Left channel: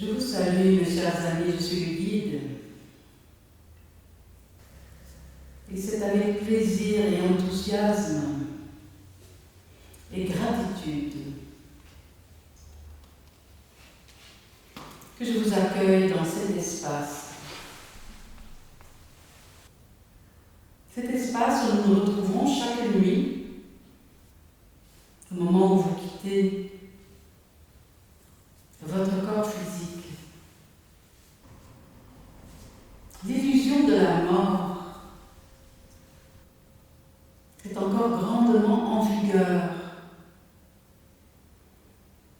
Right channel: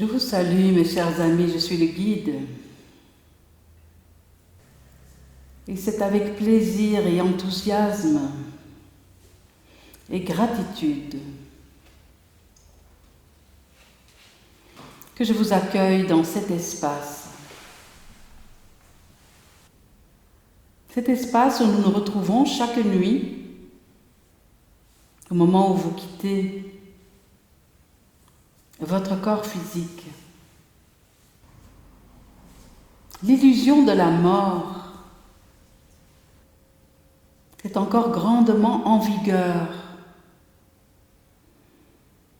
Je vous salue, mes chers amis, je suis le guide. Et c'est avec plaisir et enthousiasme et gratitude que je vous accueille dans cet espace. Cet espace où nous nous retrouvons chaque nuit, au moment où vous quittez votre corps physique. L'illusion de la mort est encore grandement en vigueur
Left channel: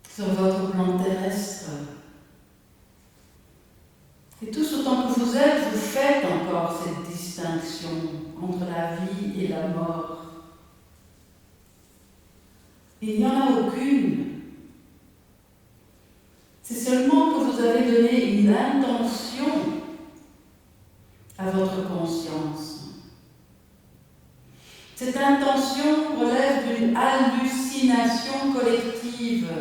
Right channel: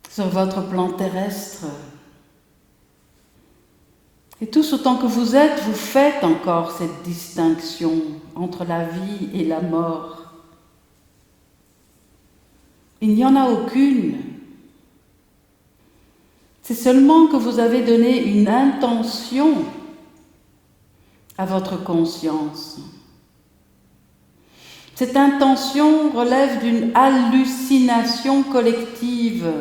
sur votre plan terrestre. Et tous autant que vous êtes, vous faites encore cette distinction entre la vie et la mort. Il n'y en a aucune. C'est seulement que vous avez donné une intention à votre conscience. Cette intention relève d'une hallucination collective.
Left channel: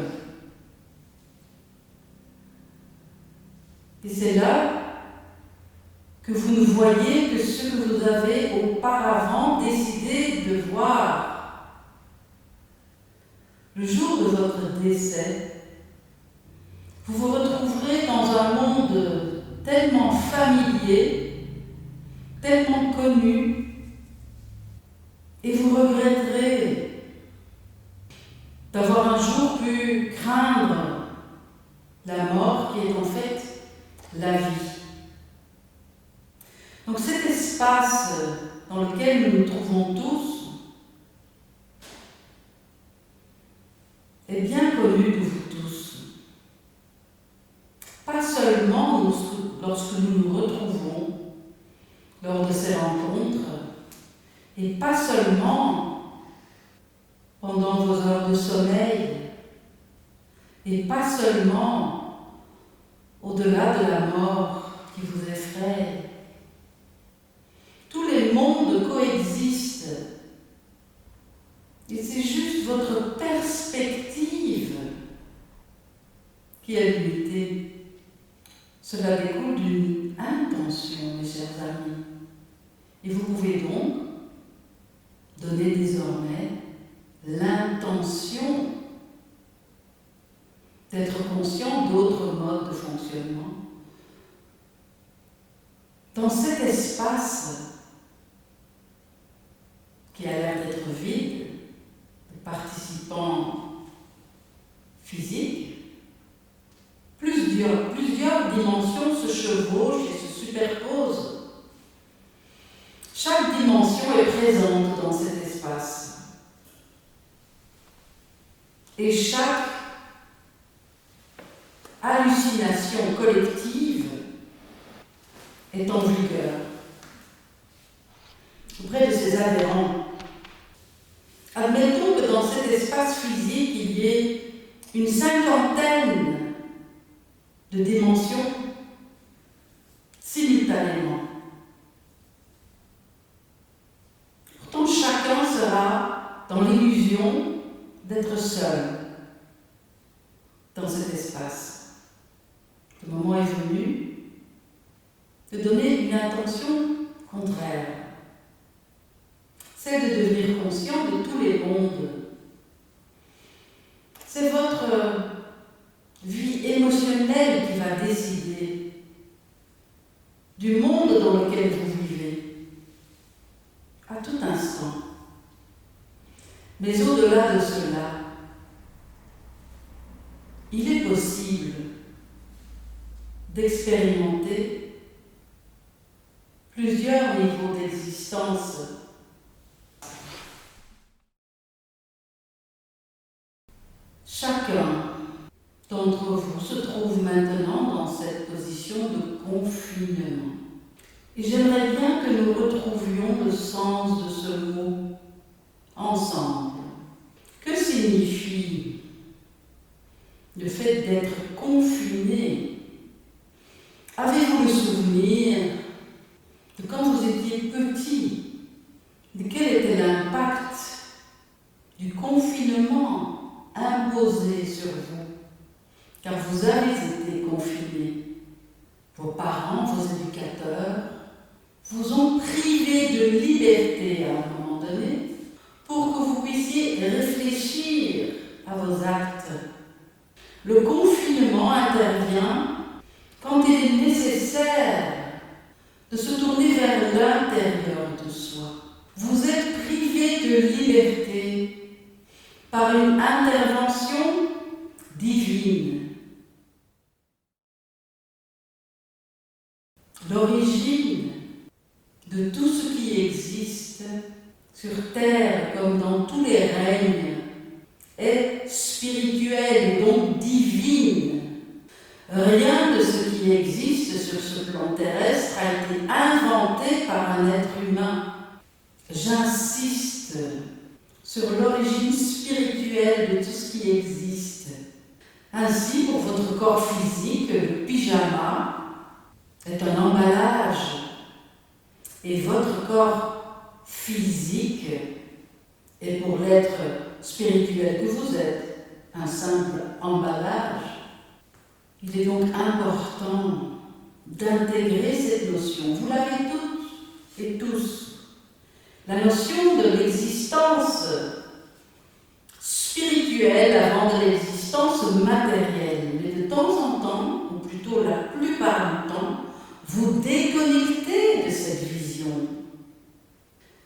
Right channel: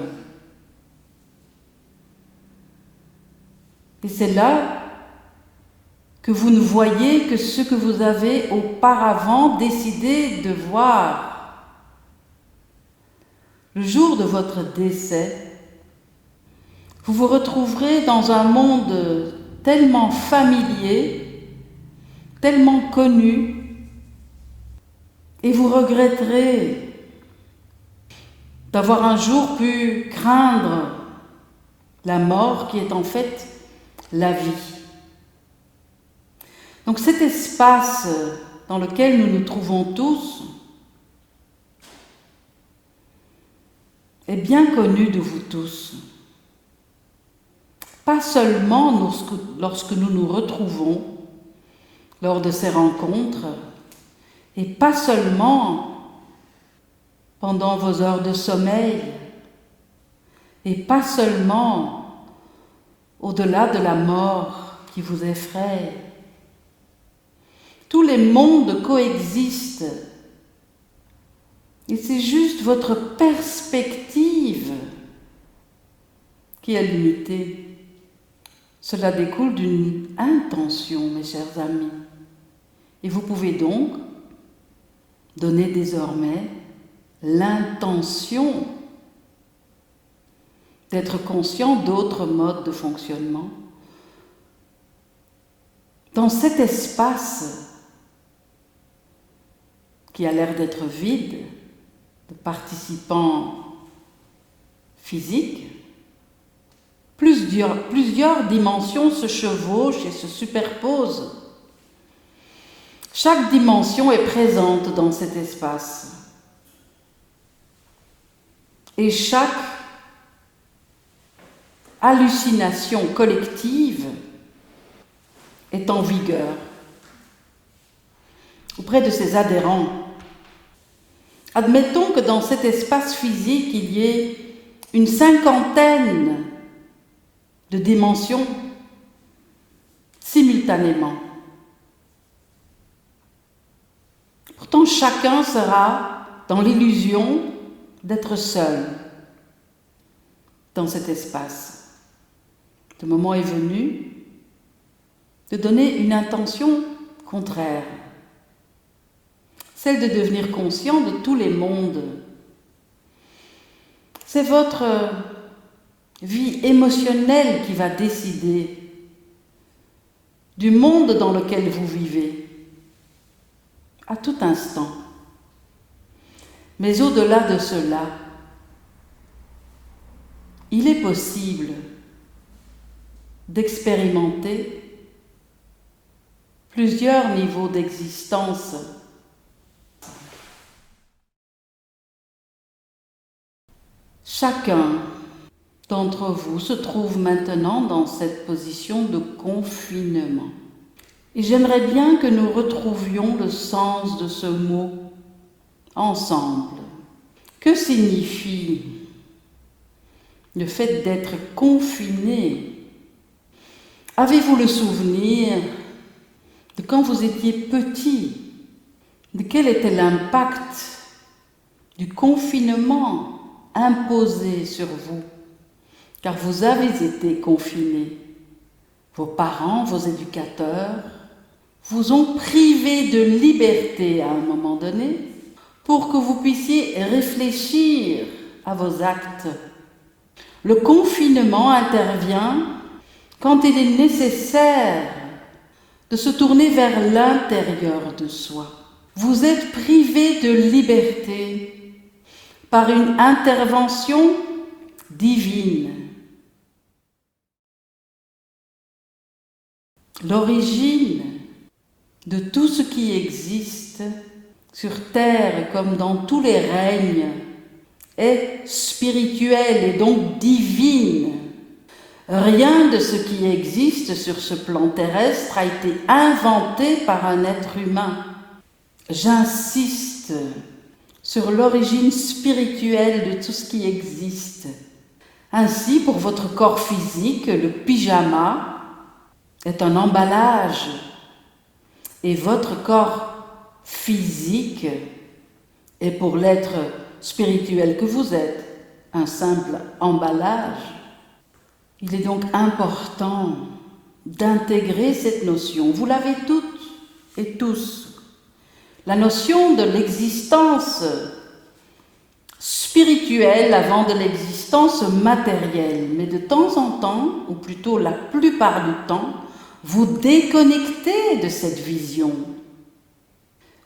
Et c'est là que vous ne voyez que ce que vous avez auparavant décidé de voir. Le jour de votre décès, vous vous retrouverez dans un monde tellement familier, tellement connu, et vous regretterez d'avoir un jour pu craindre la mort qui est en fait la vie. Donc cet espace dans lequel nous nous trouvons tous est bien connu de vous tous. Pas seulement lorsque nous nous retrouvons lors de ces rencontres, et pas seulement pendant vos heures de sommeil, et pas seulement au-delà de la mort qui vous effraie. Tous les mondes coexistent, et c'est juste votre perspective qui est limitée. Cela découle d'une intention, mes chers amis. Et vous pouvez donc donner désormais l'intention d'être conscient d'autres modes de fonctionnement. Dans cet espace qui a l'air d'être vide de participants physiques, plusieurs dimensions se chevauchent et se superposent. Chaque dimension est présente dans cet espace. Et chaque hallucination collective est en vigueur auprès de ses adhérents. Admettons que dans cet espace physique, il y ait une cinquantaine de dimensions simultanément. Pourtant, chacun sera dans l'illusion d'être seul dans cet espace. Le moment est venu de donner une intention contraire, celle de devenir conscient de tous les mondes. C'est votre vie émotionnelle qui va décider du monde dans lequel vous vivez, à tout instant. Mais au-delà de cela, il est possible d'expérimenter plusieurs niveaux d'existence. Chacun d'entre vous se trouve maintenant dans cette position de confinement. Et j'aimerais bien que nous retrouvions le sens de ce mot ensemble. Que signifie le fait d'être confiné? Avez-vous le souvenir de quand vous étiez petit, de quel était l'impact du confinement imposé sur vous? car vous avez été confinés. Vos parents, vos éducateurs vous ont privé de liberté à un moment donné pour que vous puissiez réfléchir à vos actes. Le confinement intervient quand il est nécessaire de se tourner vers l'intérieur de soi. Vous êtes privé de liberté par une intervention divine. L'origine de tout ce qui existe sur terre comme dans tous les règnes est spirituelle et donc divine. Rien de ce qui existe sur ce plan terrestre a été inventé par un être humain. J'insiste sur l'origine spirituelle de tout ce qui existe. Ainsi, pour votre corps physique, le pyjama est un emballage et votre corps physique est pour l'être spirituel que vous êtes un simple emballage. Il est donc important d'intégrer cette notion. Vous l'avez toutes et tous. La notion de l'existence spirituelle avant de l'existence matérielle. Mais de temps en temps, ou plutôt la plupart du temps, vous déconnectez de cette vision.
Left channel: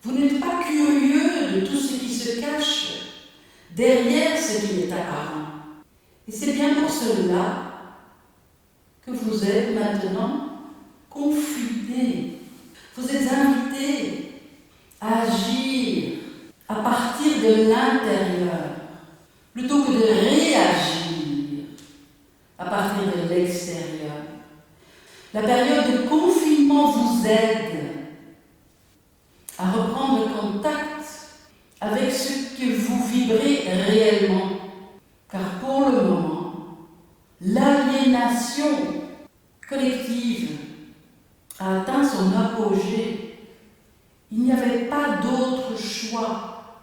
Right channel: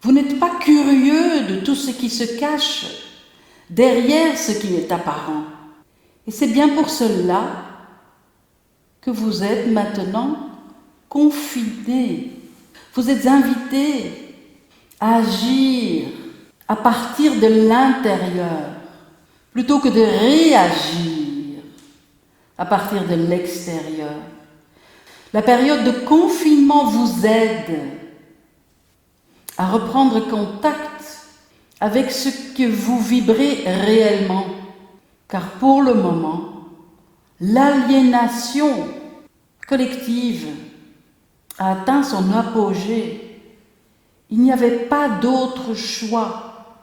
Vous n'êtes pas curieux de tout ce qui se cache derrière ce qui est apparent. Et c'est bien pour cela que vous êtes maintenant confinés. Vous êtes invités à agir à partir de l'intérieur, plutôt que de réagir à partir de l'extérieur. La période de confinement vous aide à reprendre contact avec ce que vous vibrez réellement, car pour le moment, l'aliénation collective a atteint son apogée. Il n'y avait pas d'autre choix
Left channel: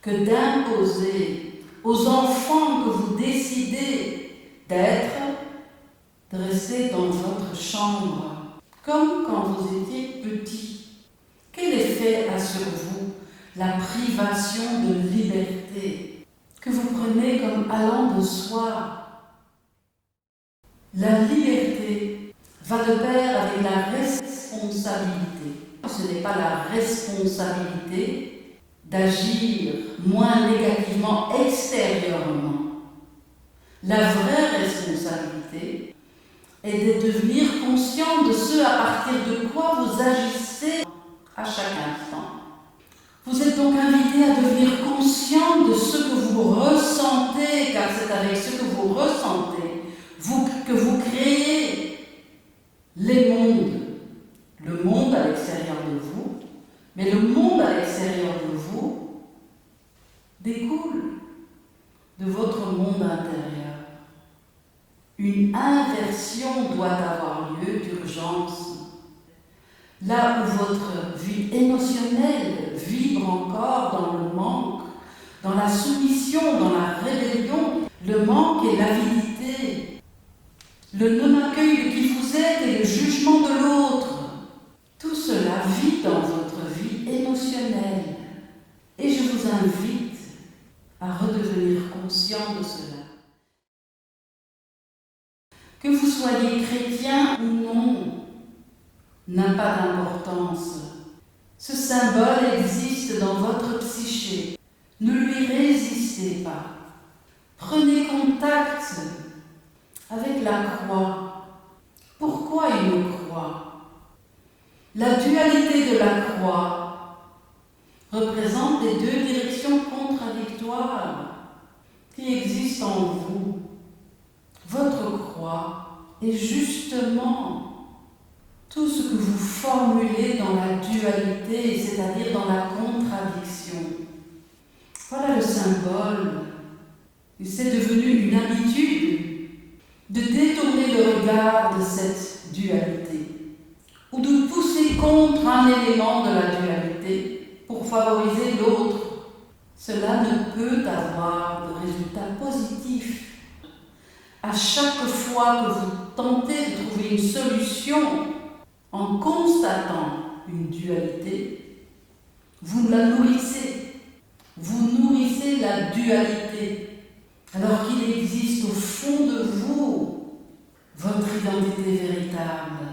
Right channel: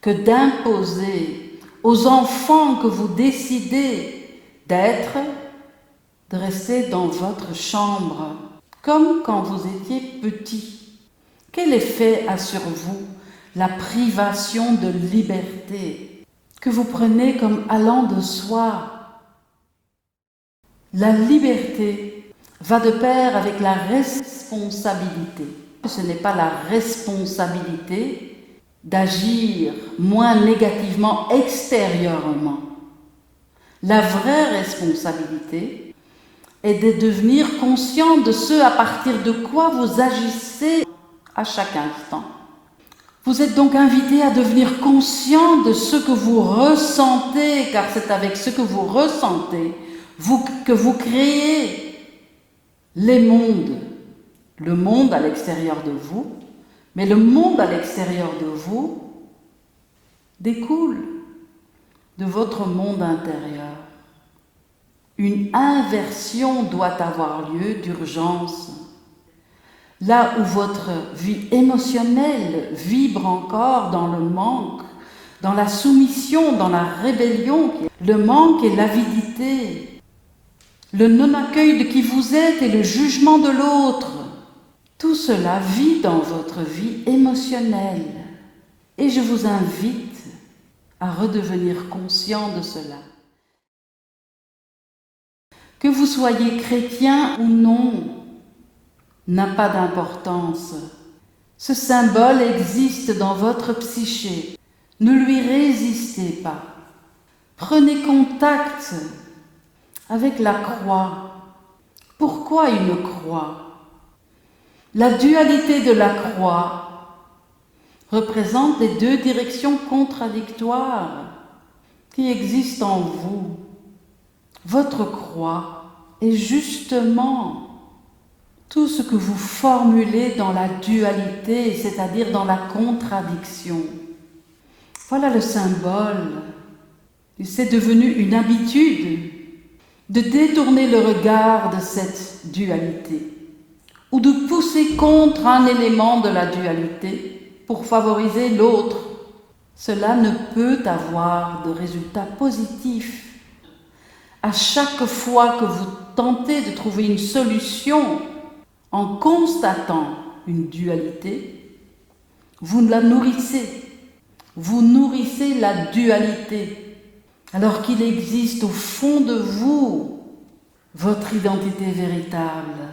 que d'imposer aux enfants que vous décidez d'être, de rester dans votre chambre, comme quand vous étiez petit. Quel effet a sur vous la privation de liberté que vous prenez comme allant de soi? La liberté va de pair avec la responsabilité. Ce n'est pas la responsabilité d'agir moins négativement extérieurement. La vraie responsabilité est de devenir conscient de ce à partir de quoi vous agissez à chaque instant. Vous êtes donc invité à devenir conscient de ce que vous ressentez, car c'est avec ce que vous ressentez que vous créez les mondes. Le monde à l'extérieur de vous, mais le monde à l'extérieur de vous découle de votre monde intérieur. Une inversion doit avoir lieu d'urgence. Là où votre vie émotionnelle vibre encore dans le manque, dans la soumission, dans la rébellion, le manque et l'avidité, le non-accueil de qui vous êtes et le jugement de l'autre, tout cela vit dans votre vie émotionnelle. Et je vous invite à redevenir conscient de cela. Que vous soyez chrétien ou non, n'a pas d'importance. Ce symbole existe dans votre psyché. Ne lui résistez pas. Prenez contact avec la croix. Pourquoi une croix? La dualité de la croix représente les deux directions contradictoires qui existent en vous. Votre croix est justement tout ce que vous formulez dans la dualité, c'est-à-dire dans la contradiction. Voilà le symbole. C'est devenu une habitude de détourner le regard de cette dualité ou de pousser contre un élément de la dualité pour favoriser l'autre. Cela ne peut avoir de résultat positif. À chaque fois que vous tentez de trouver une solution en constatant une dualité, vous la nourrissez. Vous nourrissez la dualité, alors qu'il existe au fond de vous votre identité véritable,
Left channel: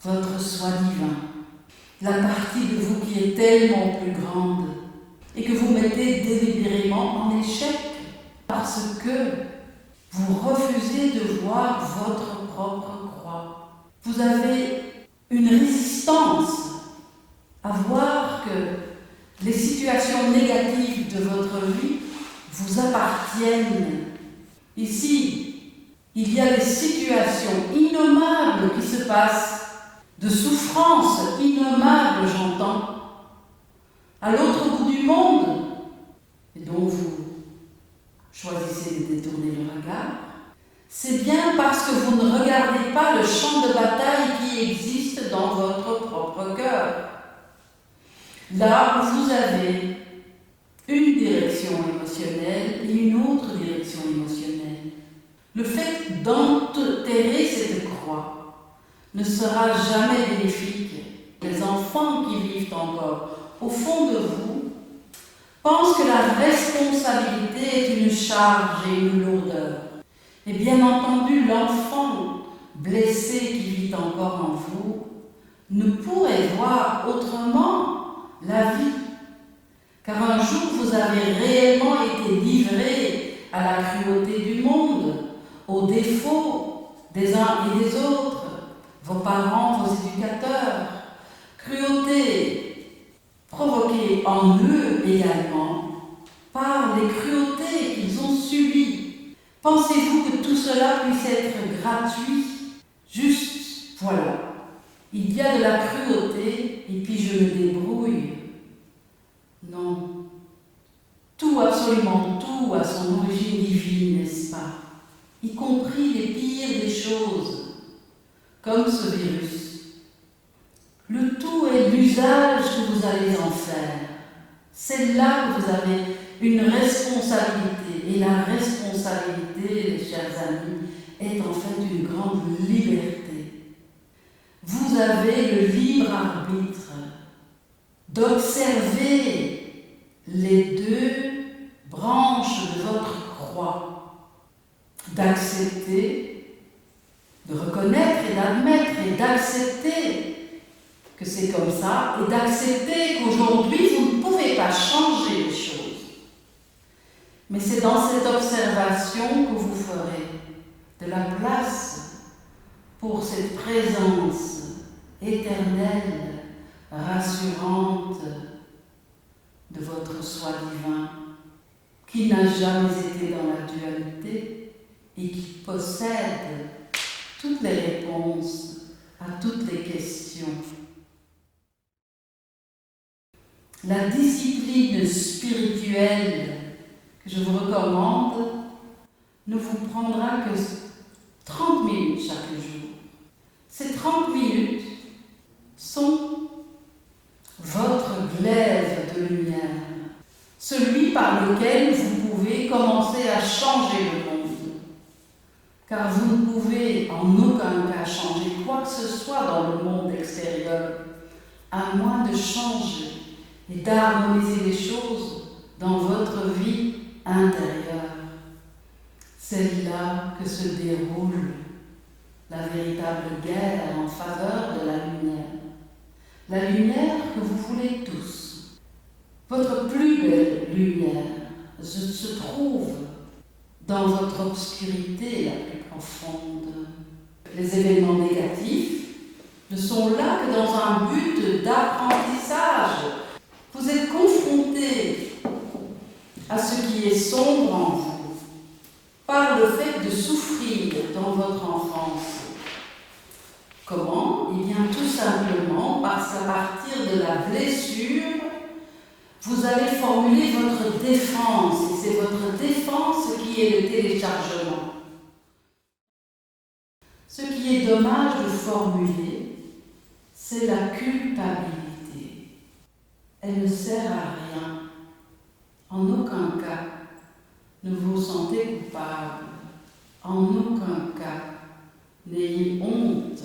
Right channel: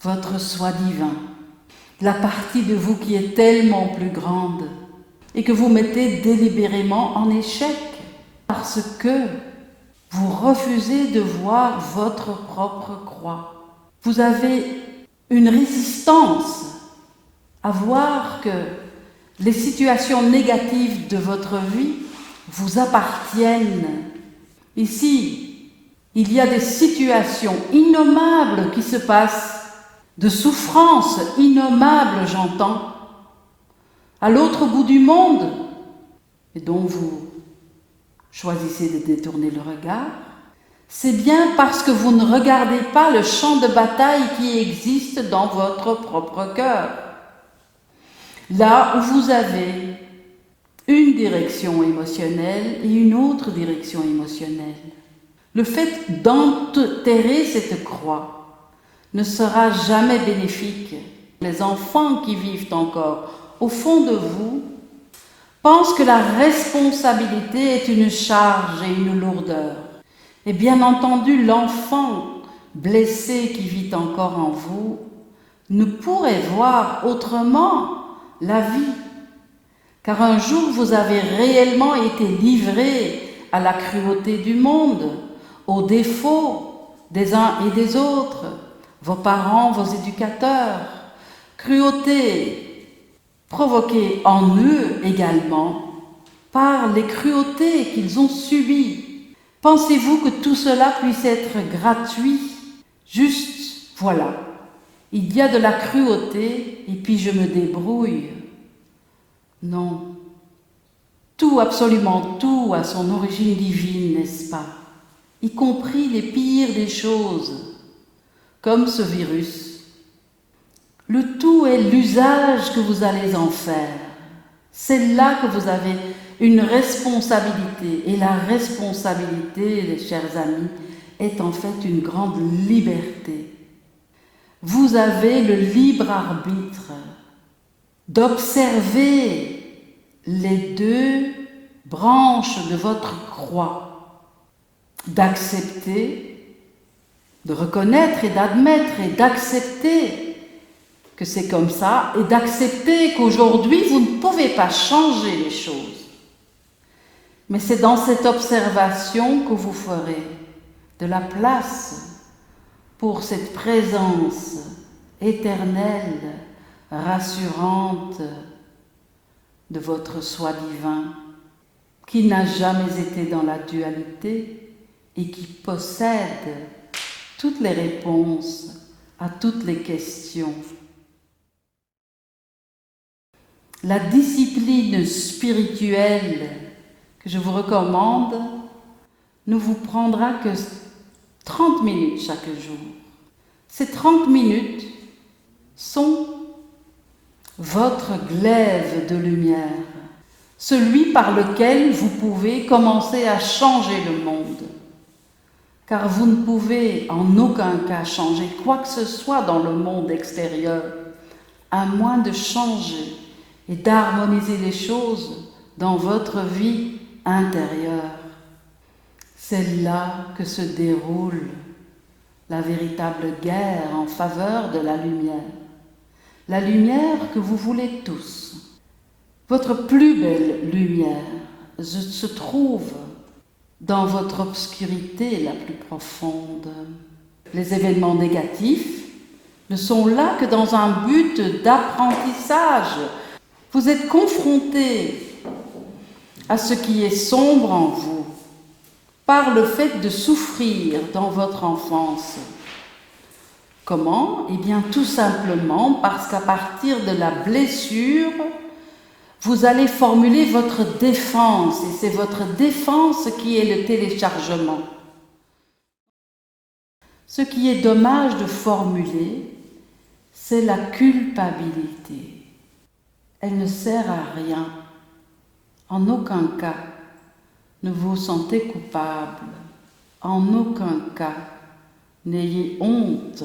votre soi divin, la partie de vous qui est tellement plus grande et que vous mettez délibérément en échec parce que vous refusez de voir votre propre croix. Vous avez une résistance à voir que les situations négatives de votre vie vous appartiennent. Ici, il y a des situations innommables qui se passent, de souffrances innommables, j'entends, à l'autre bout du monde, et dont vous choisissez de détourner le regard. C'est bien parce que vous ne regardez pas le champ de bataille qui existe dans votre propre cœur. Là où vous avez une direction émotionnelle et une autre direction émotionnelle. Le fait d'enterrer cette croix ne sera jamais bénéfique. Les enfants qui vivent encore au fond de vous pensent que la responsabilité est une charge et une lourdeur. Et bien entendu, l'enfant blessé qui vit encore en vous ne pourrait voir autrement la vie. Car un jour, vous avez réellement été livré à la cruauté du monde, aux défauts des uns et des autres, vos parents, vos éducateurs. Cruauté provoquée en eux également par les cruautés qu'ils ont subies. Pensez-vous que tout cela puisse être gratuit? Juste, voilà, il y a de la cruauté et puis je me débrouille. Non, tout, absolument tout a son origine divine, n'est-ce pas? Y compris les pires des choses, comme ce virus. Le tout est l'usage que vous allez en faire. C'est là que vous avez une responsabilité. Et la responsabilité, les chers amis, est en fait une grande liberté. Vous avez le libre arbitre d'observer les deux branches de votre croix, d'accepter, de reconnaître et d'admettre et d'accepter que c'est comme ça et d'accepter qu'aujourd'hui vous ne pouvez pas changer les choses. Mais c'est dans cette observation que vous ferez de la place pour cette présence éternelle, rassurante de votre soi divin, qui n'a jamais été dans la dualité et qui possède toutes les réponses à toutes les questions. La discipline spirituelle que je vous recommande ne vous prendra que 30 minutes chaque jour. Ces 30 minutes sont votre glaive de lumière, celui par lequel vous pouvez commencer à changer le monde. Car vous ne pouvez en aucun cas changer quoi que ce soit dans le monde extérieur, à moins de changer et d'harmoniser les choses dans votre vie intérieure. C'est là que se déroule la véritable guerre en faveur de la lumière. La lumière que vous voulez tous. Votre plus belle lumière se trouve dans votre obscurité la plus profonde. Les événements négatifs ne sont là que dans un but d'apprentissage. Vous êtes confronté à ce qui est sombre en vous par le fait de souffrir dans votre enfance. Comment? Eh bien, tout simplement parce qu'à partir de la blessure, vous allez formuler votre défense, et c'est votre défense qui est le téléchargement. Ce qui est dommage de formuler, c'est la culpabilité. Elle ne sert à rien. En aucun cas ne vous sentez coupable. En aucun cas, n'ayez honte.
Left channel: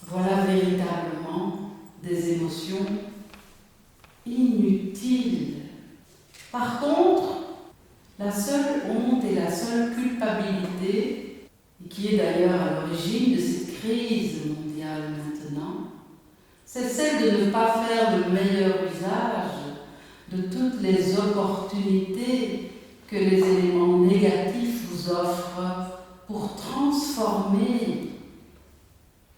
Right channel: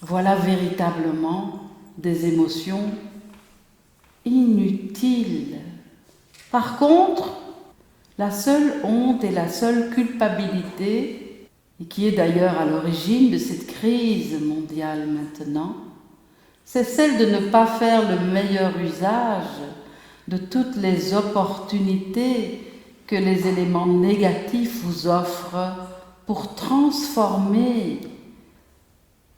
Voilà véritablement des émotions inutiles. Par contre, la seule honte et la seule culpabilité, et qui est d'ailleurs à l'origine de cette crise mondiale maintenant, c'est celle de ne pas faire le meilleur usage de toutes les opportunités que les éléments négatifs vous offrent pour transformer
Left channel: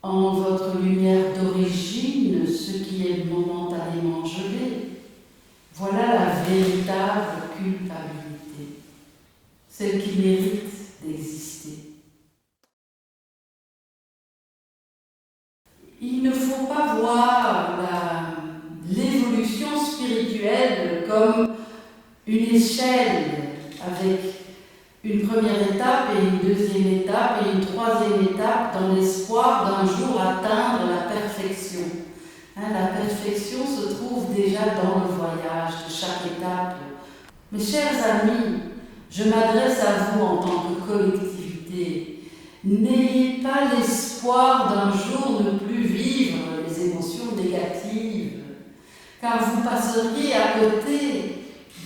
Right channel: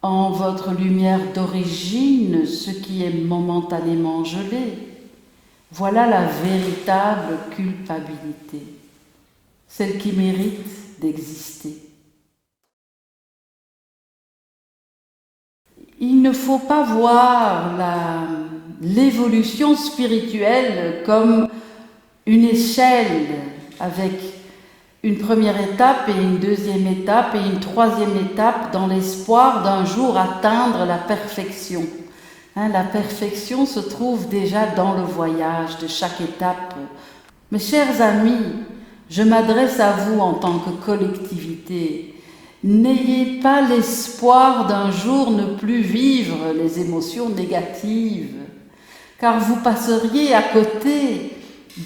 en votre lumière d'origine ce qui est momentanément gelé. Voilà la véritable culpabilité, celle qui mérite d'exister. Il ne faut pas voir l'évolution spirituelle comme une échelle avec une première étape et une deuxième étape et une troisième étape dans l'espoir d'un jour atteindre la perfection. La perfection se trouve déjà dans le voyage de chaque étape. Mes chers amis, je m'adresse à vous en tant que collectivité. N'ayez pas l'espoir d'un jour ne plus vivre les émotions négatives, car vous passeriez à côté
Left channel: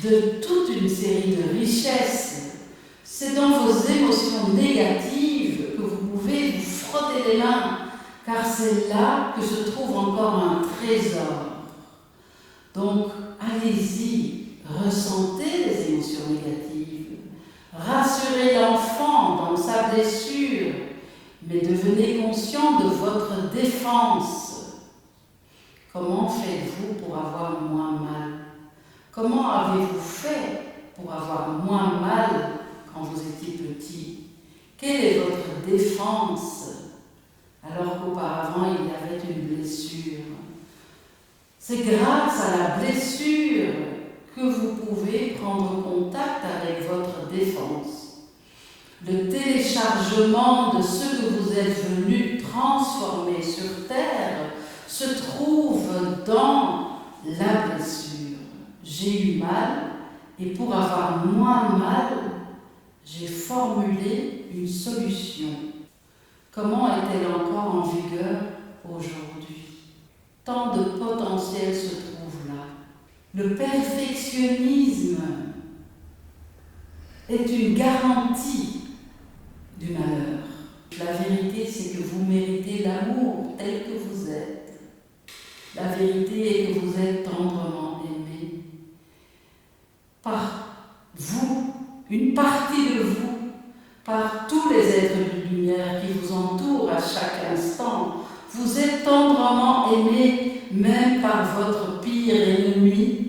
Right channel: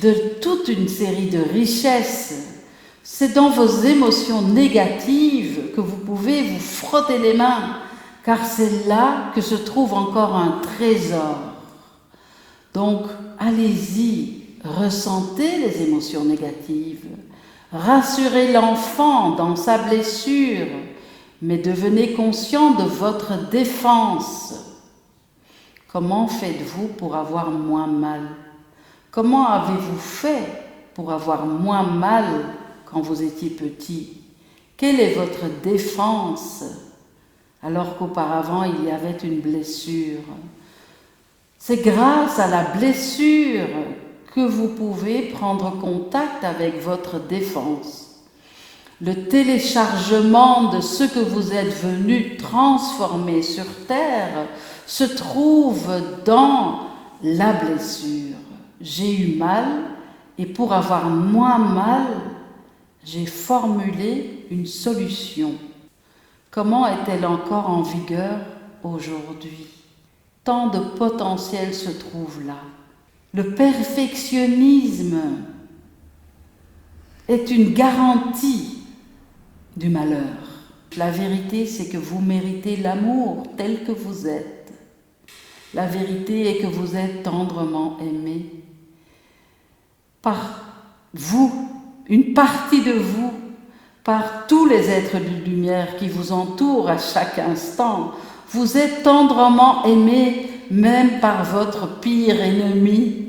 de toute une série de richesses. C'est dans vos émotions négatives que vous pouvez vous frotter les mains, car c'est là que se trouve encore un trésor. Donc, allez-y, ressentez les émotions négatives, rassurez l'enfant dans sa blessure, mais devenez conscient de votre défense. Comment faites-vous pour avoir moins mal? Comment avez-vous fait pour avoir moins mal quand vous étiez petit? Quelle est votre défense alors qu'auparavant il y avait une blessure? C'est grâce à la blessure que vous pouvez prendre contact avec votre défense. Le téléchargement de ce que vous êtes venu transformer sur Terre se trouve dans la blessure. J'ai eu mal et pour avoir moins mal, j'ai formulé une solution. Comment est-elle encore en vigueur aujourd'hui? Tant de potentiel se trouve là. Le perfectionnisme est une garantie du malheur. La vérité, c'est que vous méritez l'amour tel que vous êtes. La vérité est que vous êtes tendrement aimé par vous, une partie de vous, par tous les êtres de lumière qui vous entourent à chaque instant. Vous êtes tendrement aimé même par votre pire ennemi,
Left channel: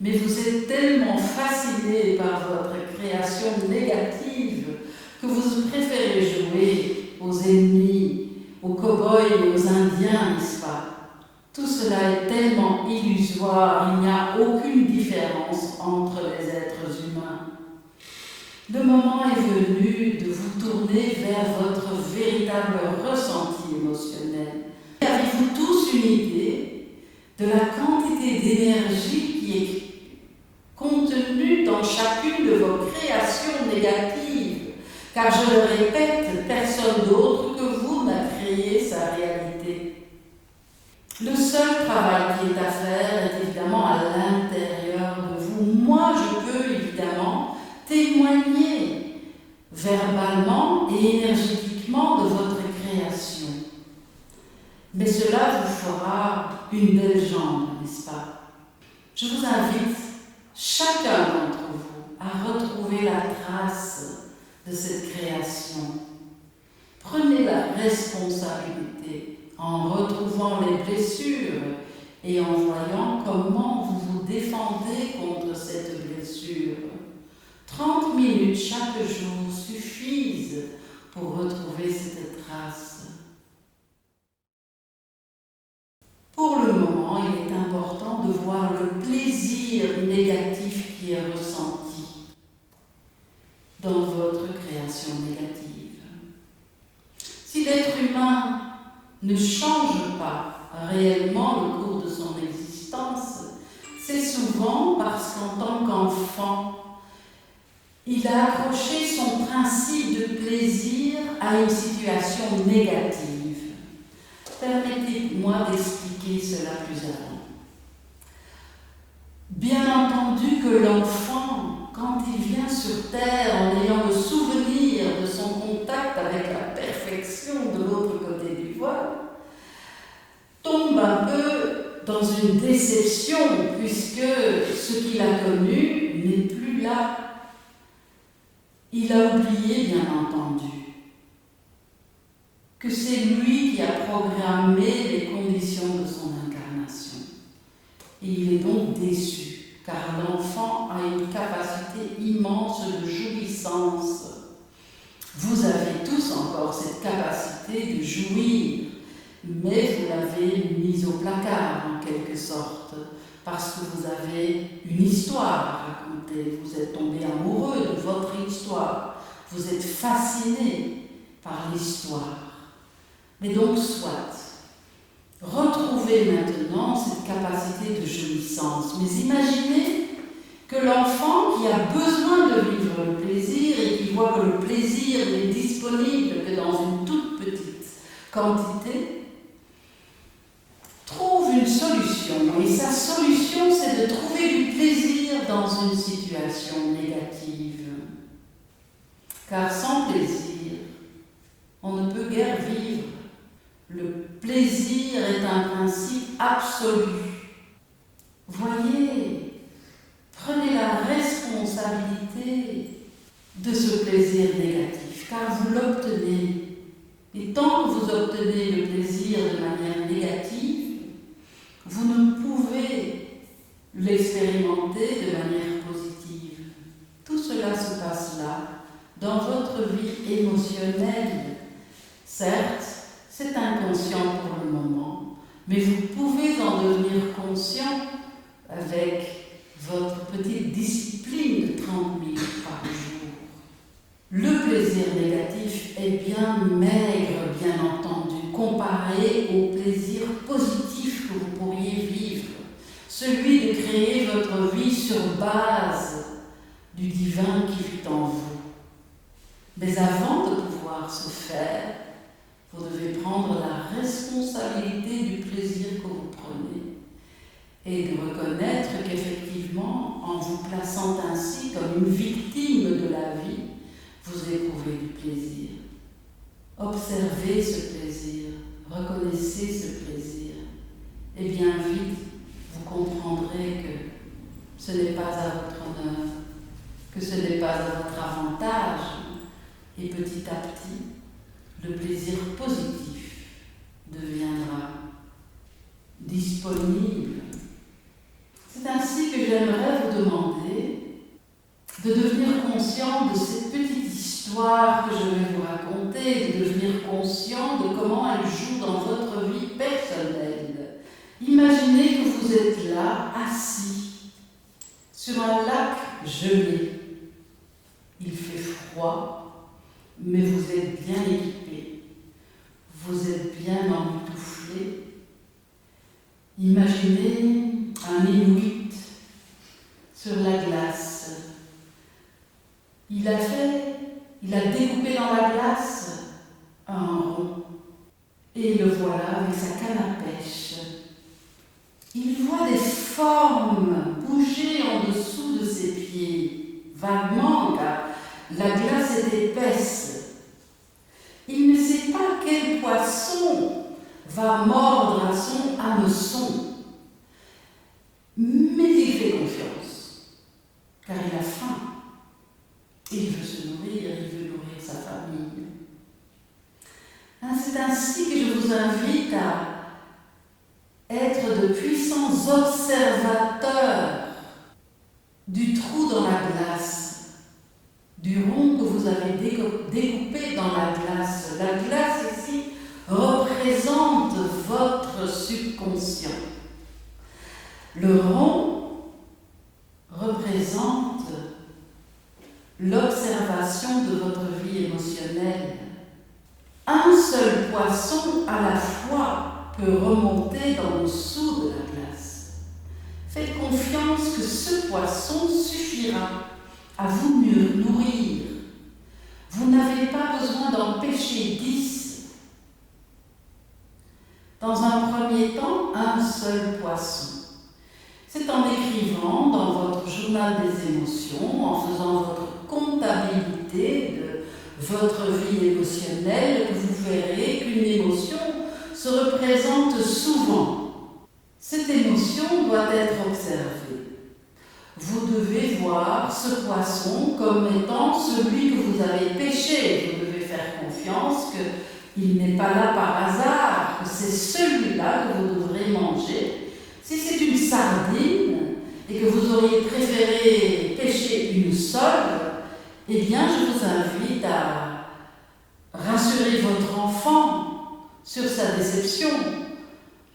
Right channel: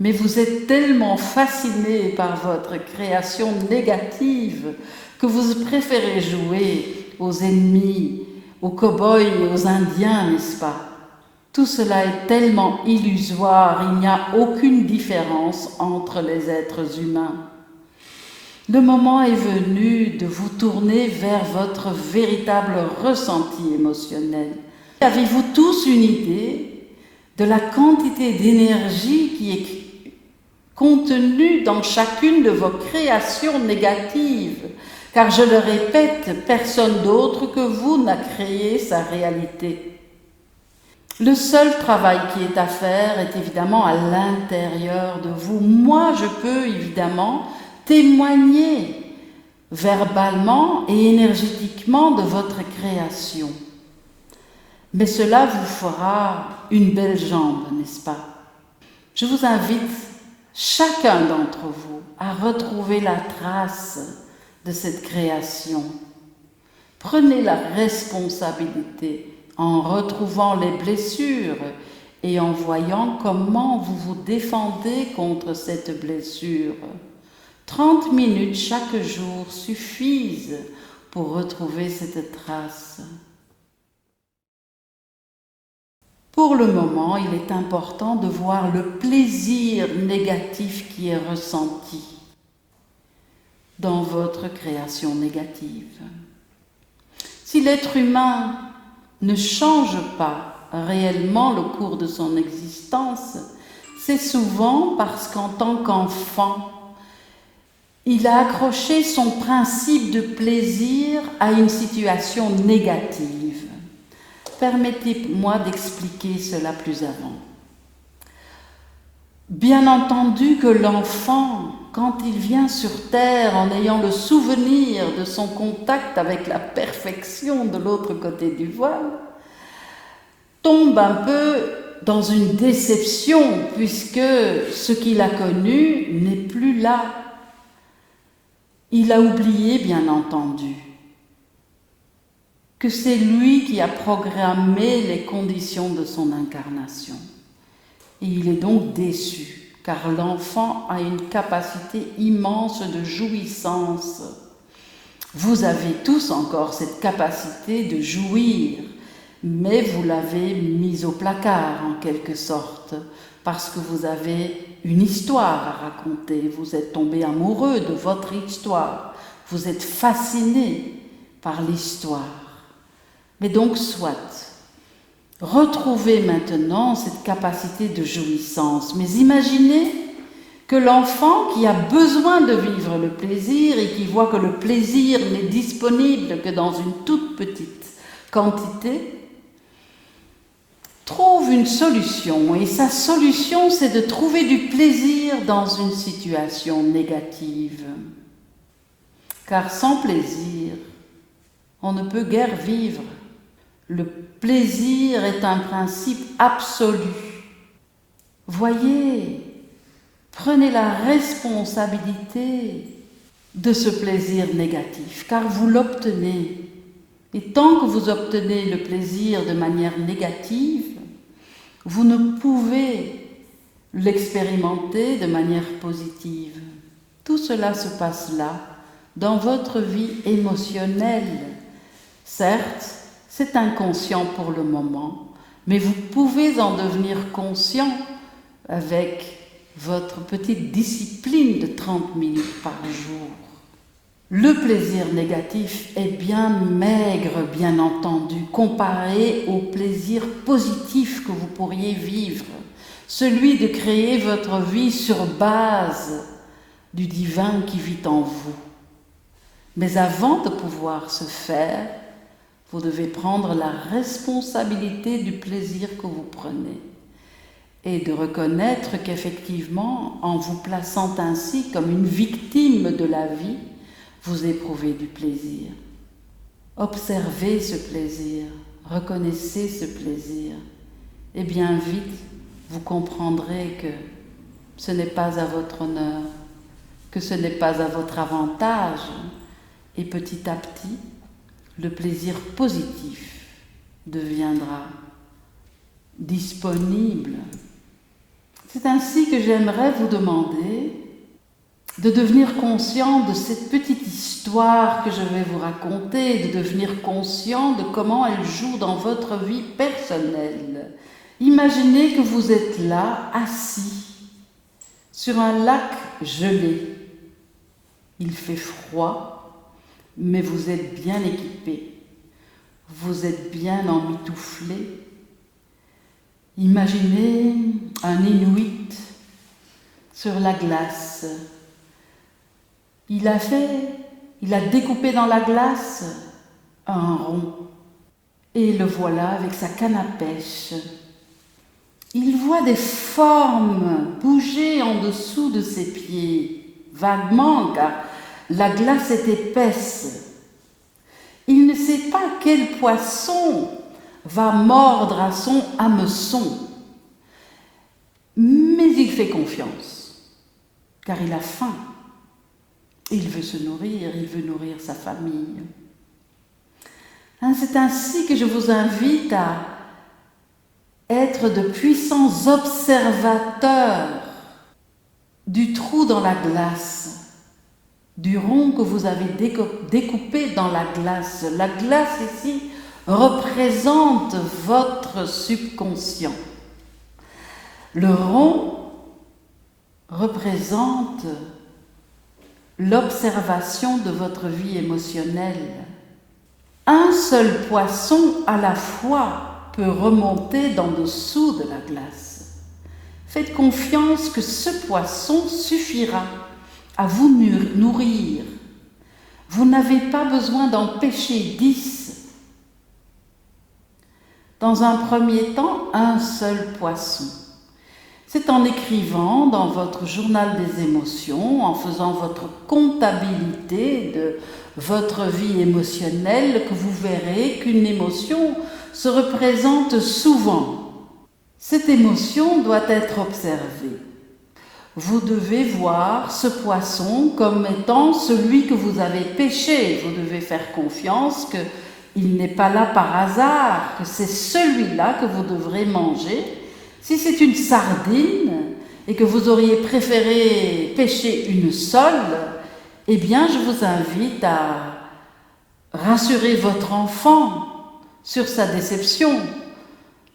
mais vous êtes tellement fasciné par votre création négative que vous préférez jouer aux ennemis, aux cow-boys et aux indiens, n'est-ce pas? Tout cela est tellement illusoire, il n'y a aucune différence entre les êtres humains. Le moment est venu de vous tourner vers votre véritable ressenti émotionnel. Avez-vous tous une idée de la quantité d'énergie qui est contenue dans chacune de vos créations négatives? Car je le répète, personne d'autre que vous n'a créé sa réalité. Le seul travail qui est à faire est évidemment à l'intérieur de vous. Moi, je peux évidemment témoigner verbalement et énergétiquement de votre création. Mais cela vous fera une belle jambe, n'est-ce pas? Je vous invite, chacun d'entre vous, à retrouver la trace de cette création. Prenez la responsabilité en retrouvant les blessures et en voyant comment vous vous défendez contre cette blessure. 30 minutes chaque jour suffisent pour retrouver cette trace. Pour le moment, il est important de voir le plaisir négatif qui est ressenti dans votre création négative. Si l'être humain ne change pas réellement le cours de son existence, c'est souvent parce qu'en tant qu'enfant, Il a accroché son principe de plaisir à une situation négative. Permettez-moi d'expliquer cela plus avant. Bien entendu que l'enfant, quand il vient sur Terre en ayant le souvenir de son contact avec la perfection de l'autre côté du voile, tombe un peu dans une déception puisque ce qu'il a connu n'est plus là. Il a oublié, bien entendu, que c'est lui qui a programmé les conditions de son incarnation. Et il est donc déçu, car l'enfant a une capacité immense de jouissance. Vous avez tous encore cette capacité de jouir, mais vous l'avez mise au placard en quelque sorte, parce que vous avez une histoire à raconter, vous êtes tombé amoureux de votre histoire, vous êtes fasciné par l'histoire. Mais donc soit. Retrouvez maintenant cette capacité de jouissance, mais imaginez que l'enfant qui a besoin de vivre le plaisir et qui voit que le plaisir n'est disponible que dans une toute petite quantité, trouve une solution, et sa solution c'est de trouver du plaisir dans une situation négative. Car sans plaisir, on ne peut guère vivre. Le plaisir est un principe absolu. Voyez, prenez la responsabilité de ce plaisir négatif, car vous l'obtenez. Et tant que vous obtenez le plaisir de manière négative, vous ne pouvez l'expérimenter de manière positive. Tout cela se passe là, dans votre vie émotionnelle. Certes, c'est inconscient pour le moment, mais vous pouvez en devenir conscient avec votre petite discipline de 30 minutes par jour. Le plaisir négatif est bien maigre, bien entendu, comparé au plaisir positif que vous pourriez vivre, celui de créer votre vie sur base du divin qui vit en vous. Mais avant de pouvoir ce faire, vous devez prendre la responsabilité du plaisir que vous prenez et de reconnaître qu'effectivement, en vous plaçant ainsi comme une victime de la vie, vous éprouvez du plaisir. Observez ce plaisir, reconnaissez ce plaisir, et bien vite, vous comprendrez que ce n'est pas à votre honneur, que ce n'est pas à votre avantage, et petit à petit, le plaisir positif deviendra disponible. C'est ainsi que j'aimerais vous demander de devenir conscient de cette petite histoire que je vais vous raconter, de devenir conscient de comment elle joue dans votre vie personnelle. Imaginez que vous êtes là, assis, sur un lac gelé. Il fait froid, mais vous êtes bien équipé, vous êtes bien emmitouflé. Imaginez un Inuit sur la glace. Il a découpé dans la glace un rond, et le voilà avec sa canne à pêche. Il voit des formes bouger en dessous de ses pieds, vaguement, car la glace est épaisse. Il ne sait pas quel poisson va mordre à son hameçon, mais il fait confiance, car il a faim. Il veut se nourrir, il veut nourrir sa famille. C'est ainsi que je vous invite à être de puissants observateurs du trou dans la glace, du rond que vous avez découpé dans la glace. La glace ici représente votre subconscient. Le rond représente l'observation de votre vie émotionnelle. Un seul poisson à la fois peut remonter dans dessous de la glace. Faites confiance que ce poisson suffira à vous nourrir. Vous n'avez pas besoin d'en pêcher 10. Dans un premier temps, un seul poisson. C'est en écrivant dans votre journal des émotions, en faisant votre comptabilité de votre vie émotionnelle, que vous verrez qu'une émotion se représente souvent. Cette émotion doit être observée. Vous devez voir ce poisson comme étant celui que vous avez pêché. Vous devez faire confiance qu'il n'est pas là par hasard, que c'est celui-là que vous devrez manger. Si c'est une sardine et que vous auriez préféré pêcher une sole, eh bien je vous invite à rassurer votre enfant sur sa déception,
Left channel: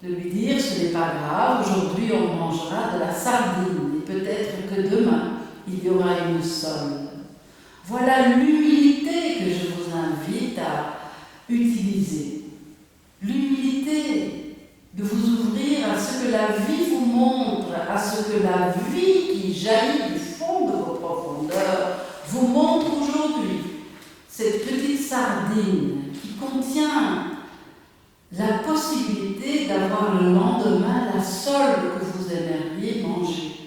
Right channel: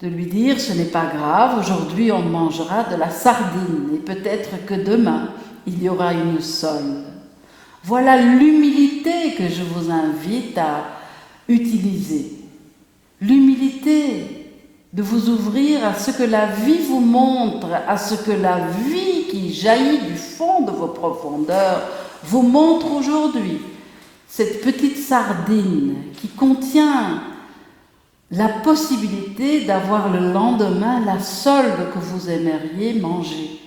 de lui dire ce n'est pas grave, aujourd'hui on mangera de la sardine et peut-être que demain il y aura une sole. Voilà l'humilité que je vous invite à utiliser. L'humilité de vous ouvrir à ce que la vie vous montre, à ce que la vie qui jaillit du fond de vos profondeurs vous montre aujourd'hui. Cette petite sardine qui contient la possibilité d'avoir le lendemain la sole que vous aimeriez manger.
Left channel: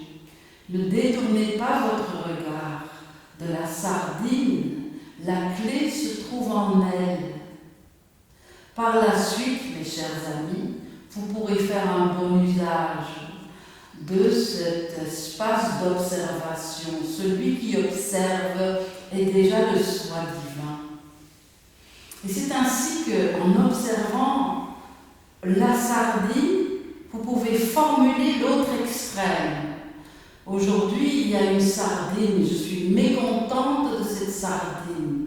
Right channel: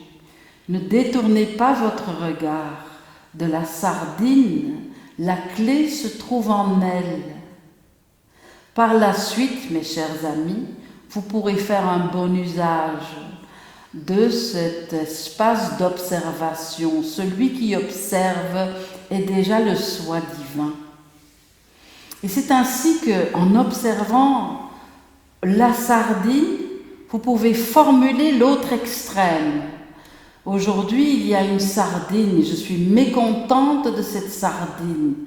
Ne détournez pas votre regard de la sardine, la clé se trouve en elle. Par la suite, mes chers amis, vous pourrez faire un bon usage de cet espace d'observation. Celui qui observe est déjà le soi divin. Et c'est ainsi qu'en observant la sardine, vous pouvez formuler l'autre extrême. Aujourd'hui, il y a une sardine et je suis mécontente de cette sardine.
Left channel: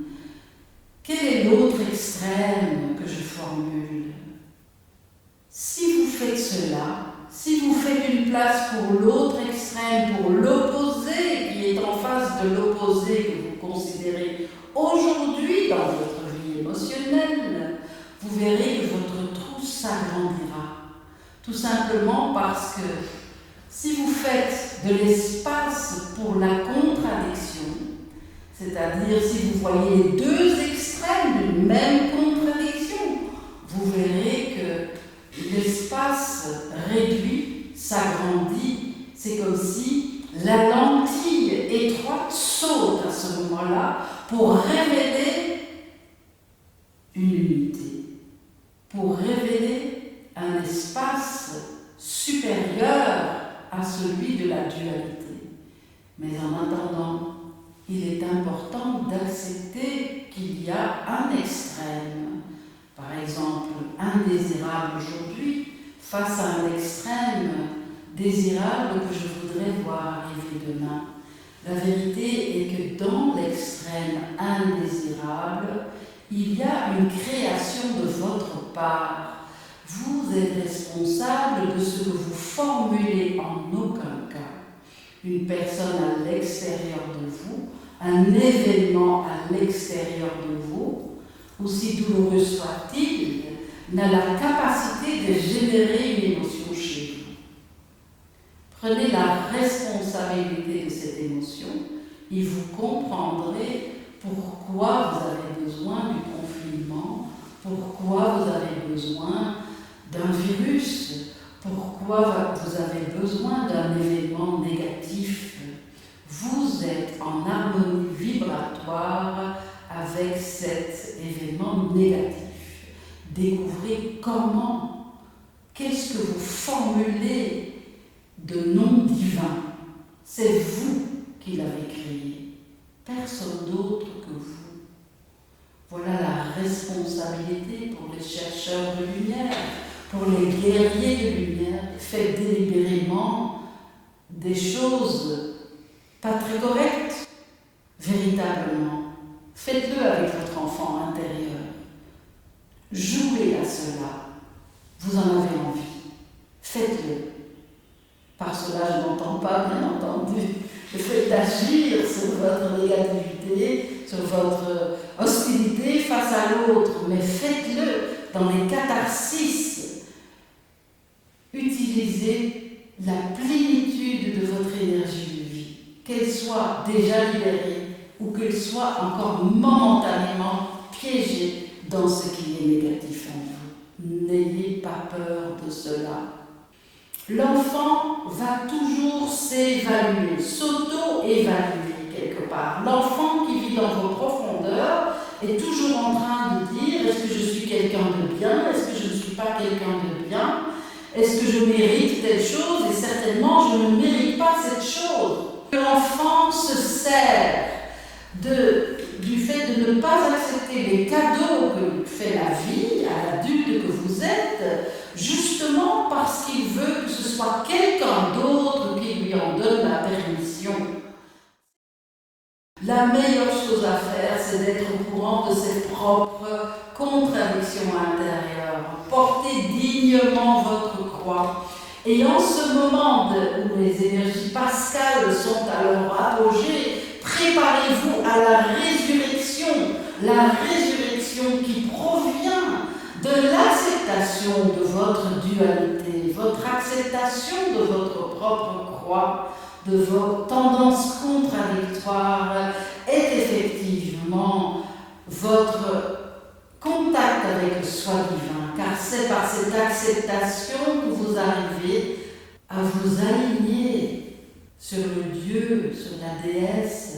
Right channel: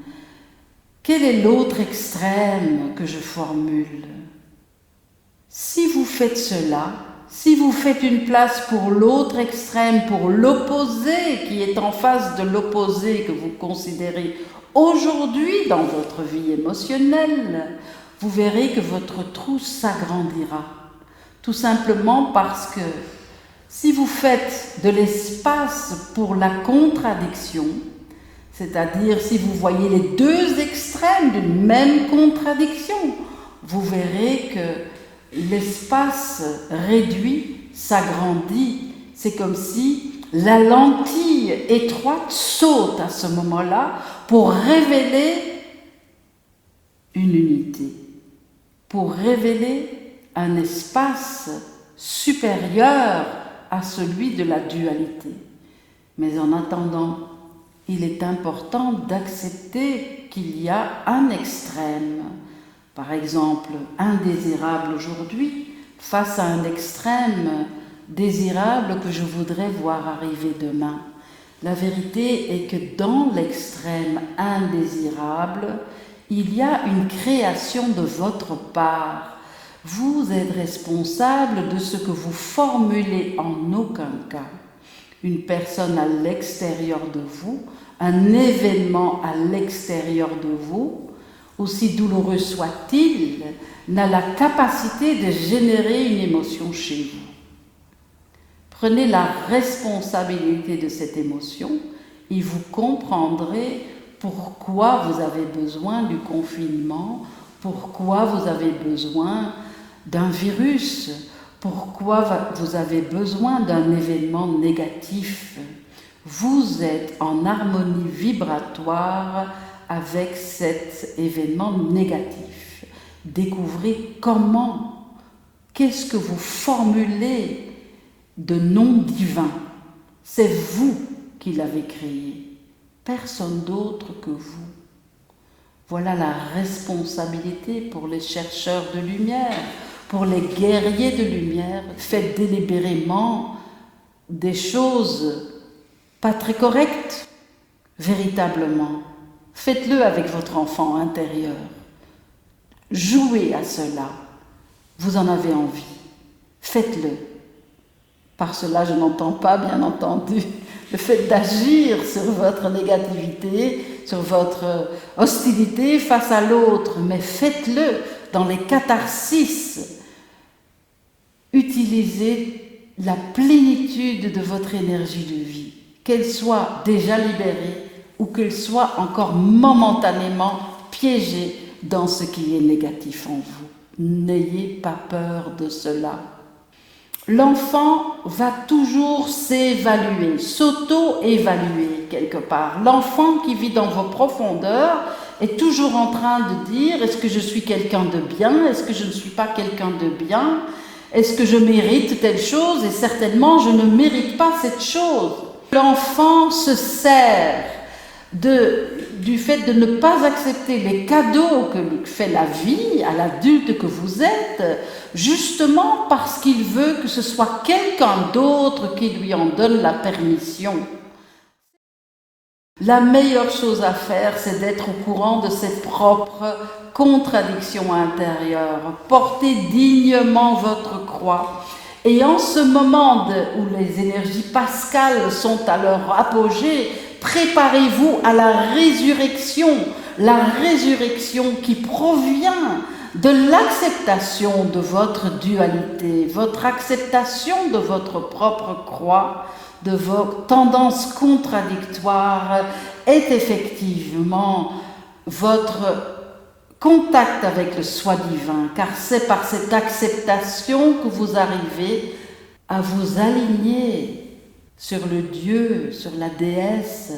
Quel est l'autre extrême que je formule? Si vous faites cela, si vous faites une place pour l'autre extrême, pour l'opposé qui est en face de l'opposé que vous considérez aujourd'hui dans votre vie émotionnelle, vous verrez que votre trou s'agrandira. Tout simplement parce que si vous faites de l'espace pour la contradiction, c'est-à-dire si vous voyez les deux extrêmes d'une même contradiction, vous verrez que l'espace réduit s'agrandit. C'est comme si la lentille étroite saute à ce moment-là pour révéler une unité, pour révéler un espace supérieur à celui de la dualité. Mais en attendant, il est important d'accepter qu'il y a un extrême, par exemple indésirable aujourd'hui, face à un extrême désirable que je voudrais voir arriver demain. La vérité est que dans l'extrême indésirable, il y a une création de votre part. Vous êtes responsable de ce que vous formulez en aucun cas. Une personne à l'extérieur de vous, un événement à l'extérieur de vous, aussi douloureux soit-il, n'a la capacité de générer une émotion chez vous. Prenez la responsabilité de cette émotion et vous comprendrez pourquoi vous avez besoin du confinement, pourquoi vous avez besoin d'un virus, pourquoi vous avez besoin d'un événement négatif. Vous êtes en harmonie vibratoire avec cet événement négatif. Découvrez comment, qu'est-ce que vous formulez de nom divin. C'est vous qui l'avez créé, personne d'autre que vous. Voilà la responsabilité pour les chercheurs de lumière, pour les guerriers de lumière. Faites délibérément des choses pas très correctes, véritablement. Faites-le avec votre enfant intérieur. Jouez à cela. Vous en avez envie. Faites-le. Par cela, je n'entends pas, bien entendu, le fait d'agir sur votre négativité, sur votre hostilité face à l'autre, mais faites-le dans les catharsis. Utilisez la plénitude de votre énergie de vie. qu'elle soit déjà libérée ou qu'elle soit encore momentanément piégée dans ce qui est négatif en vous. N'ayez pas peur de cela. L'enfant va toujours s'évaluer, s'auto-évaluer quelque part. L'enfant qui vit dans vos profondeurs est toujours en train de dire: est-ce que je suis quelqu'un de bien? Est-ce que je ne suis pas quelqu'un de bien? Est-ce que je mérite telle chose? Et certainement, je ne mérite pas cette chose. L'enfant se sert du fait de ne pas accepter les cadeaux que fait la vie à l'adulte que vous êtes, justement parce qu'il veut que ce soit quelqu'un d'autre qui lui en donne la permission. La meilleure chose à faire, c'est d'être au courant de ses propres contradictions intérieures. Portez dignement votre croix. Et en ce moment où les énergies pascales sont à leur apogée, préparez-vous à la résurrection qui provient de l'acceptation de votre dualité, votre acceptation de votre propre croix, de vos tendances contradictoires, est effectivement votre contact avec le soi divin, car c'est par cette acceptation que vous arrivez à vous aligner sur le Dieu, sur la déesse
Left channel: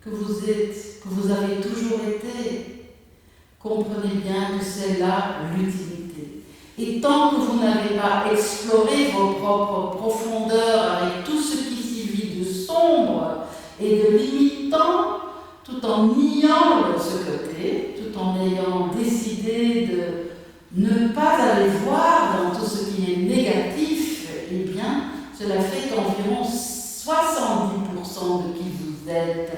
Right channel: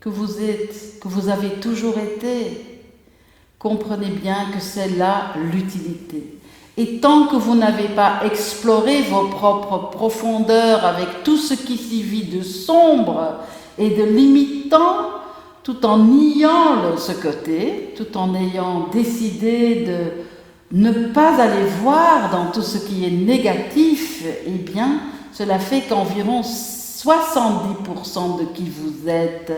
que vous êtes, que vous avez toujours été. Comprenez bien que c'est là l'utilité. Et tant que vous n'avez pas exploré vos propres profondeurs avec tout ce qui s'y vit de sombre et de limitant, tout en niant ce côté, tout en ayant décidé de ne pas aller voir dans tout ce qui est négatif, eh bien, cela fait qu'environ 70% de qui vous êtes,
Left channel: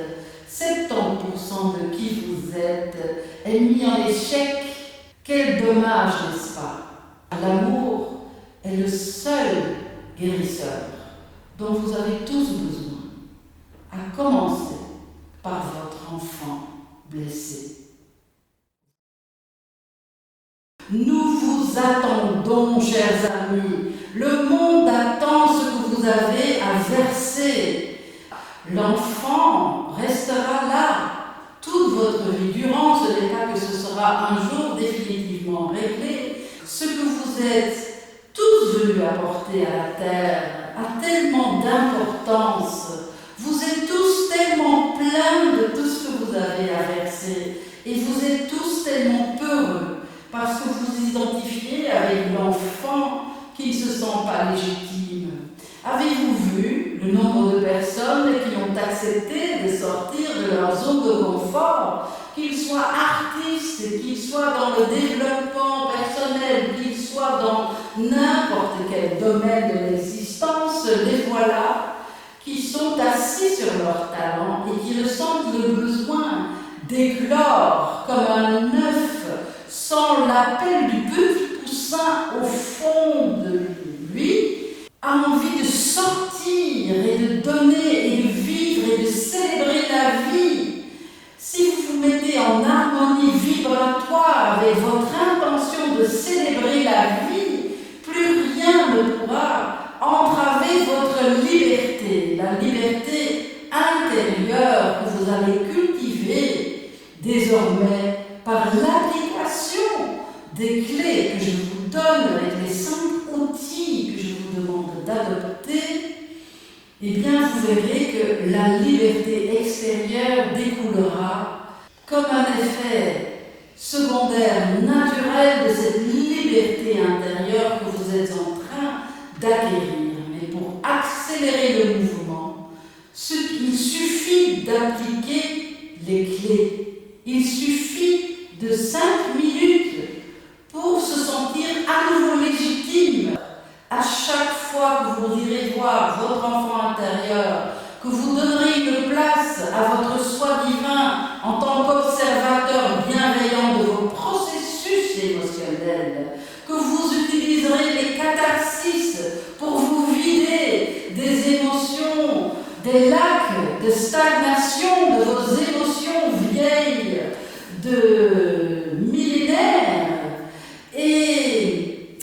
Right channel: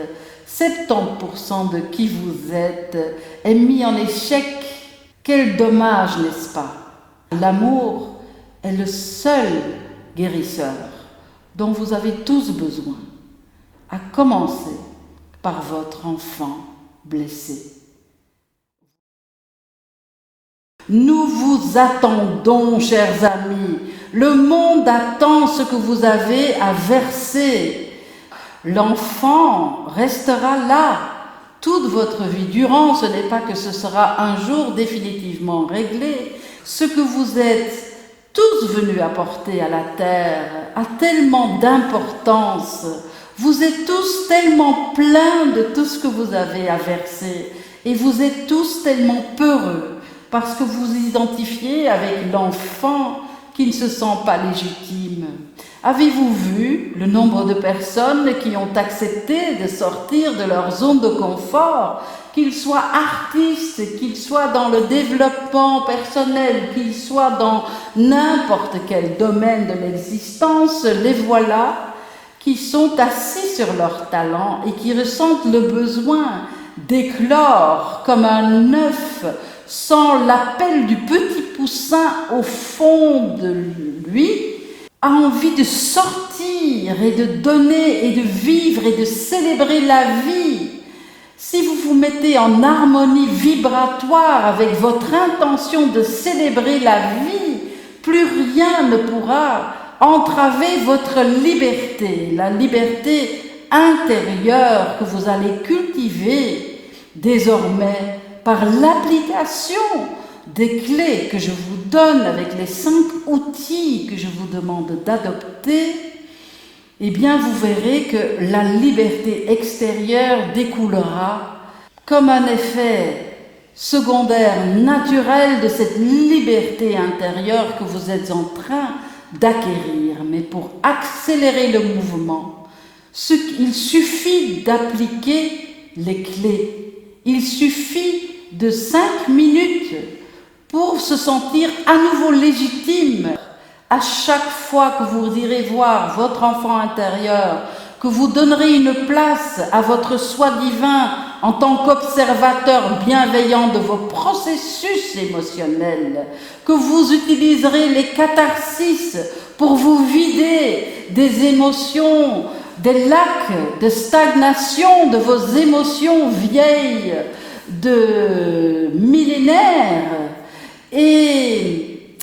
70% de qui vous êtes est mis en échec. Quel dommage, n'est-ce pas? L'amour est le seul guérisseur dont vous avez tous besoin, à commencer par votre enfant blessé. Nous vous attendons, chers amis. Le monde attend ce que vous avez à verser. L'enfant restera là toute votre vie durant. Ce n'est pas que ce sera un jour définitivement réglé. Ce que vous êtes tous venus apporter à la terre a tellement d'importance. Vous êtes tous tellement pleins de tout ce que vous avez à verser. Et vous êtes tous tellement peureux parce que vous vous identifiez avec l'enfant qui ne se sent pas légitime. Avez-vous vu le nombre de personnes qui ont accepté de sortir de leur zone de confort, qu'ils soient artistes, qu'ils soient dans le développement personnel, qu'ils soient dans n'importe quel domaine de l'existence, les voilà qui sont assis sur leur talent et qui ressentent le besoin d'éclore comme un œuf sans l'appel du petit poussin au fond de lui, a envie de sortir et de donner et de vivre et de célébrer la vie. Si vous vous mettez en harmonie vibratoire avec votre intention de célébrer la vie, plus rien ne pourra entraver votre liberté, la liberté intérieure que vous allez cultiver désormais par l'application des clés que je vous donne avec les 5 outils que je vous demande d'adopter. Eh bien, vous verrez que la liberté extérieure découlera comme un effet secondaire naturel de cette liberté intérieure que vous êtes en train d'acquérir. Mais pour accélérer le mouvement, il suffit d'appliquer les clés. Il suffit de 5 minutes pour se sentir à nouveau légitime. À chaque fois que vous irez voir votre enfant intérieur, que vous donnerez une place à votre soi divin en tant qu'observateur bienveillant de vos processus émotionnels, que vous utiliserez les catharsis pour vous vider des émotions, des lacs de stagnation de vos émotions vieilles de millénaires, et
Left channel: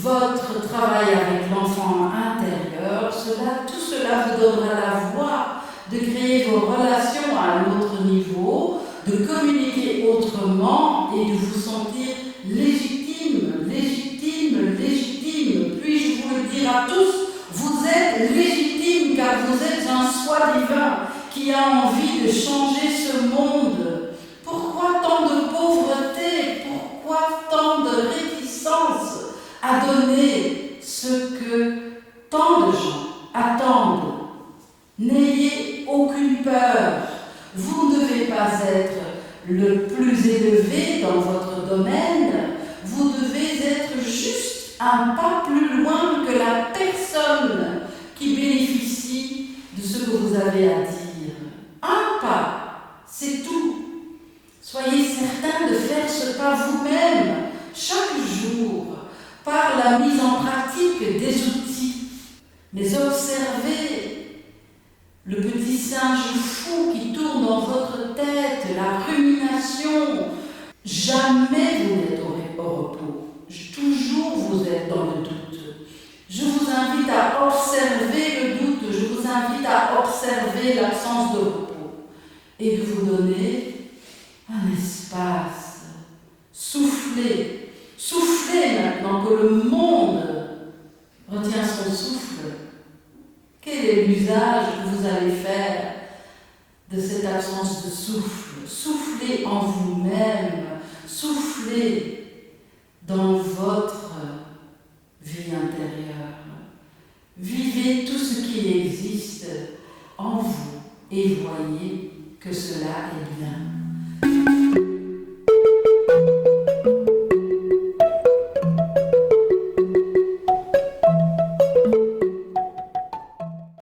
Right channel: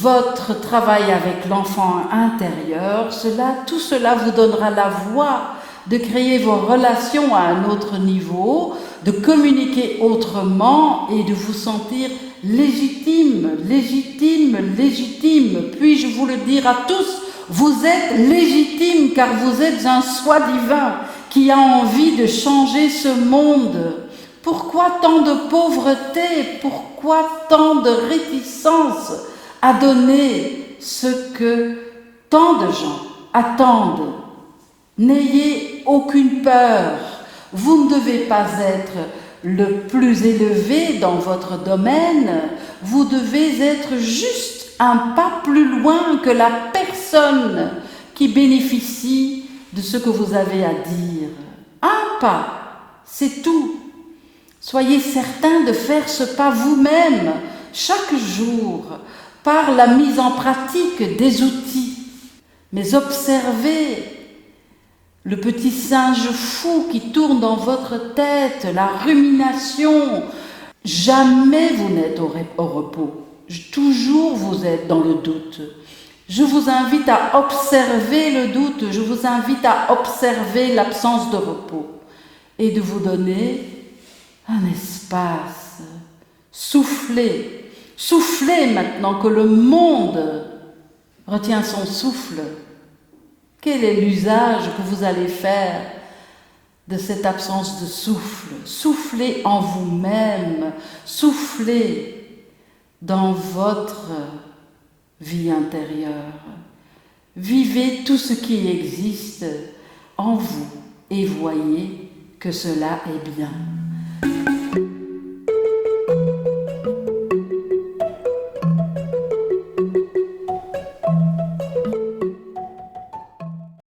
votre travail avec l'enfant intérieur, tout cela vous donnera la voie de créer vos relations à un autre niveau, de communiquer autrement et de vous sentir légitime, légitime, légitime. Puis-je vous le dire à tous, vous êtes légitime car vous êtes un soi divin qui a envie de changer ce monde. Pourquoi tant de pauvreté? Pourquoi tant de réticence à donner ce que tant de gens attendent? N'ayez aucune peur. Vous ne devez pas être le plus élevé dans votre domaine. Vous devez être juste un pas plus loin que la personne qui bénéficie de ce que vous avez à dire. Un pas, c'est tout. Soyez certain de faire ce pas vous-même, chaque jour, par la mise en pratique des outils. Mais observez le petit singe fou qui tourne dans votre tête, la rumination. Jamais vous n'êtes au repos. Toujours vous êtes dans le doute. Je vous invite à observer le doute, je vous invite à observer l'absence de repos et de vous donner un espace. Soufflez, soufflez maintenant que le monde retient son souffle. Quel est l'usage que vous allez faire de cette absence de souffle? Soufflez en vous-même, soufflez dans votre vie intérieure. Vivez tout ce qui existe en vous et voyez que cela est bien.